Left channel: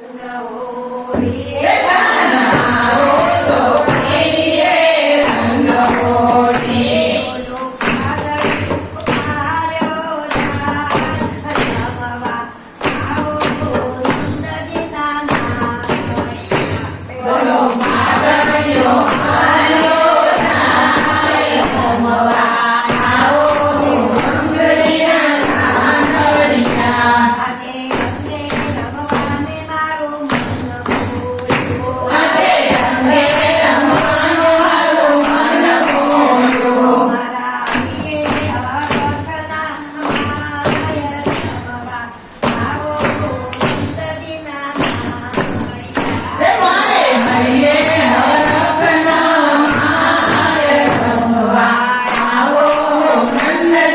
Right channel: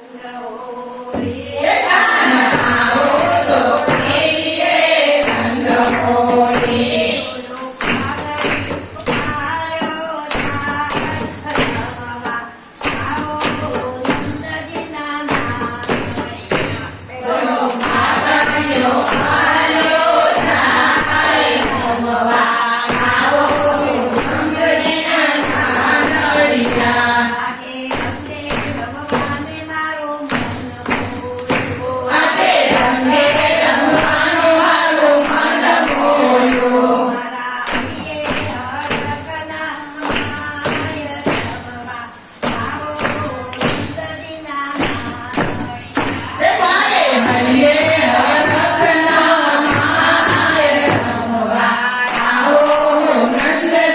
No, oh, yeah.